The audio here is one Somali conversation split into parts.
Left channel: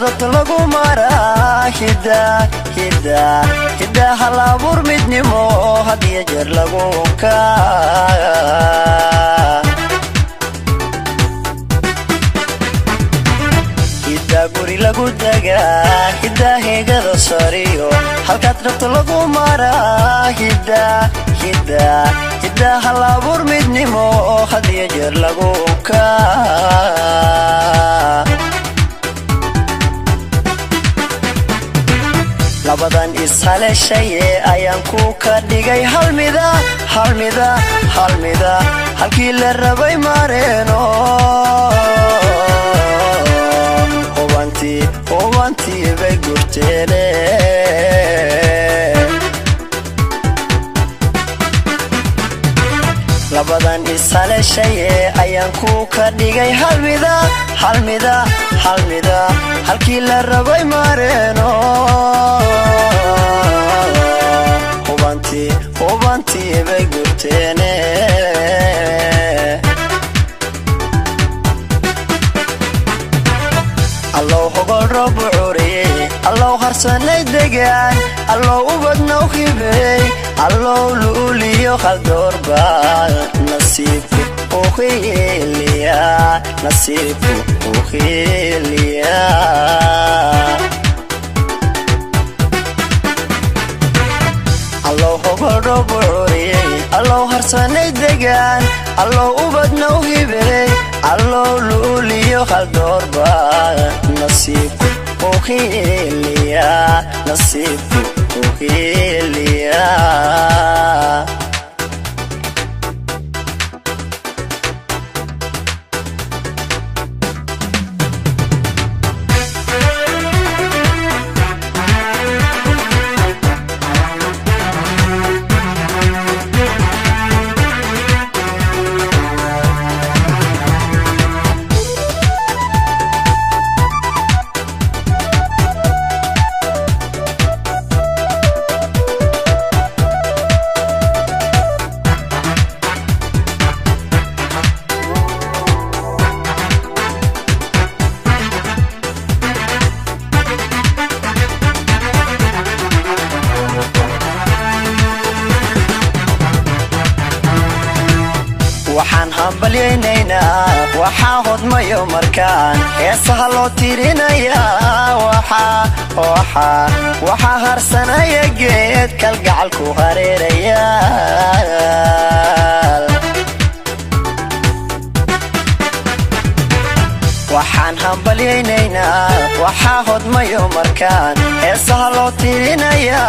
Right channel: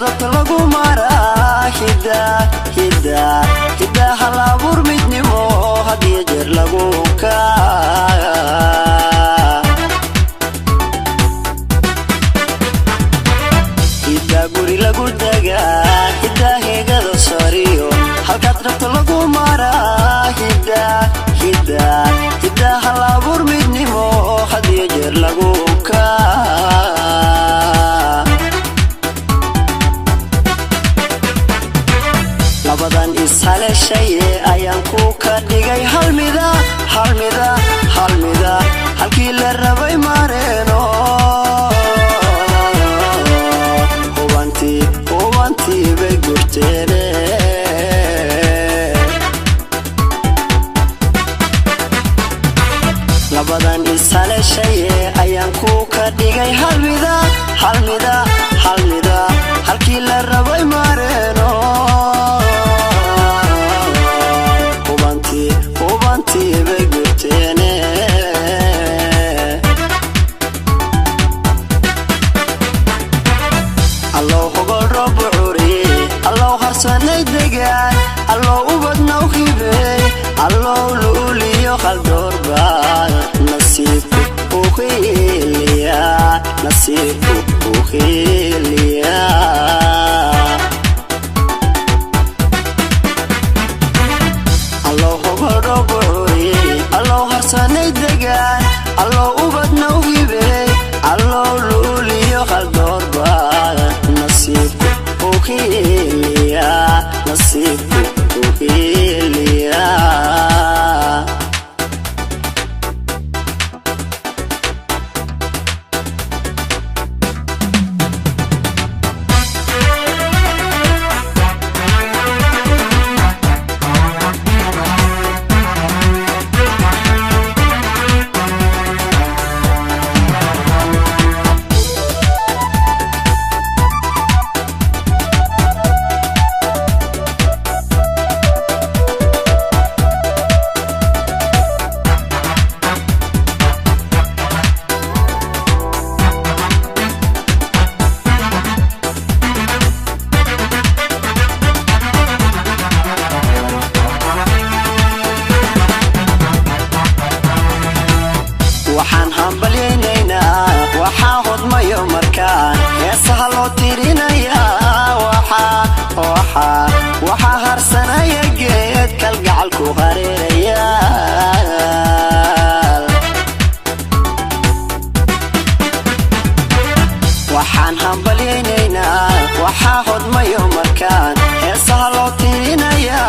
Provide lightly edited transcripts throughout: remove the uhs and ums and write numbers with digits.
rabto lagu maraa hidda halabuur midnimo hadiyo jeer lagu hidda guri lagu dagaa hidda heegada sariyo halkaad rabto lagu maraa hidda halabuur midnimo hadiyo jeer lagu labadan ishaleeshaye ayaan ku ka dhigay halmida halkii la rabay mareeno owantii bay gurteene labadan ishaleeshaye ayaan ku ka dhigay halmida halkii la rabay mareeno allow hogol roob bucuriye allow harsanay degaan allow ubadnoo kibey allow luuliyo qaldoorbaal nasiibku ukhiliya allow hogol roob bucuriye allow harsanay degaan allow ubadnoo kibey allow luuliyo qaldoorbaal nasiibku ukhiliya waxaa hodmayo markaan heesaha loo tirinayaa waxaa harsanaya geed kalgacalku hareeraya waxaan hambalyaynaynaa waxaa hodmayo markaan heesaha loo tirinayaa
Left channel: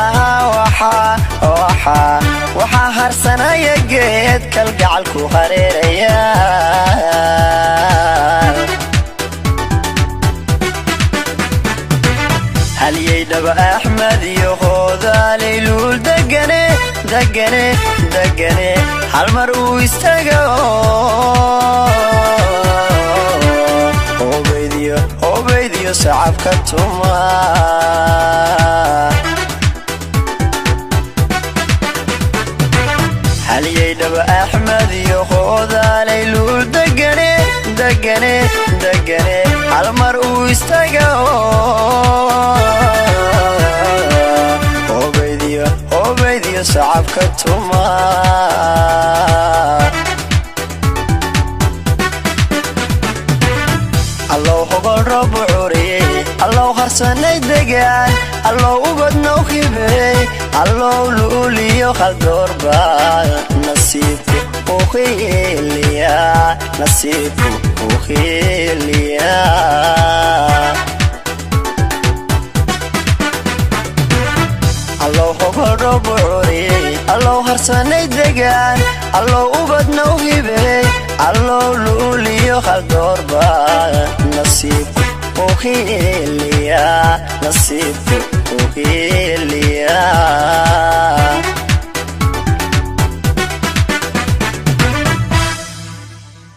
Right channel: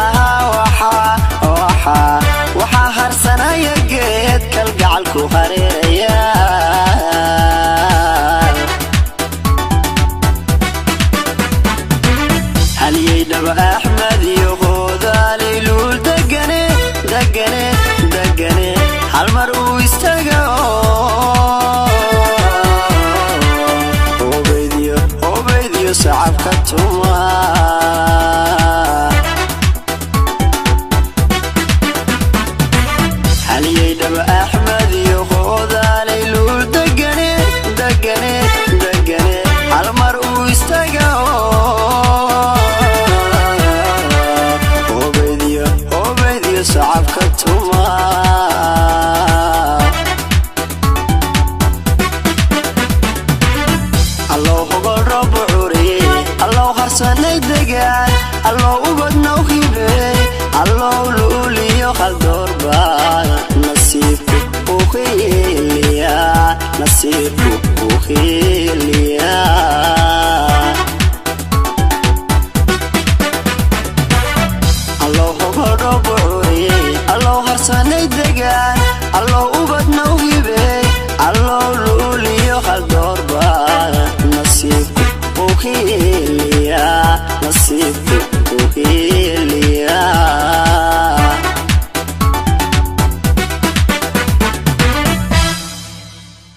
waxaa harsanaya geed kalgacalku hareeraya halyeydawa axmed iyo hoodaali luul degane halmar uu istaga obaydiyo sacabka tuma halyeydawa axmed iyo hoodaali luul degane halmar uu istaga sacabka tuma allow hogol roob bucuriye allow harsanay degaan allow ubadnoo kibey allow luuliyo qaldoorbaal nasiibku ukhiliya allow hogol roob bucuriye allow harsanay degaan allow ubadnoo kibey allow luuliyo qaldoorbaal nasiibku ukhiliya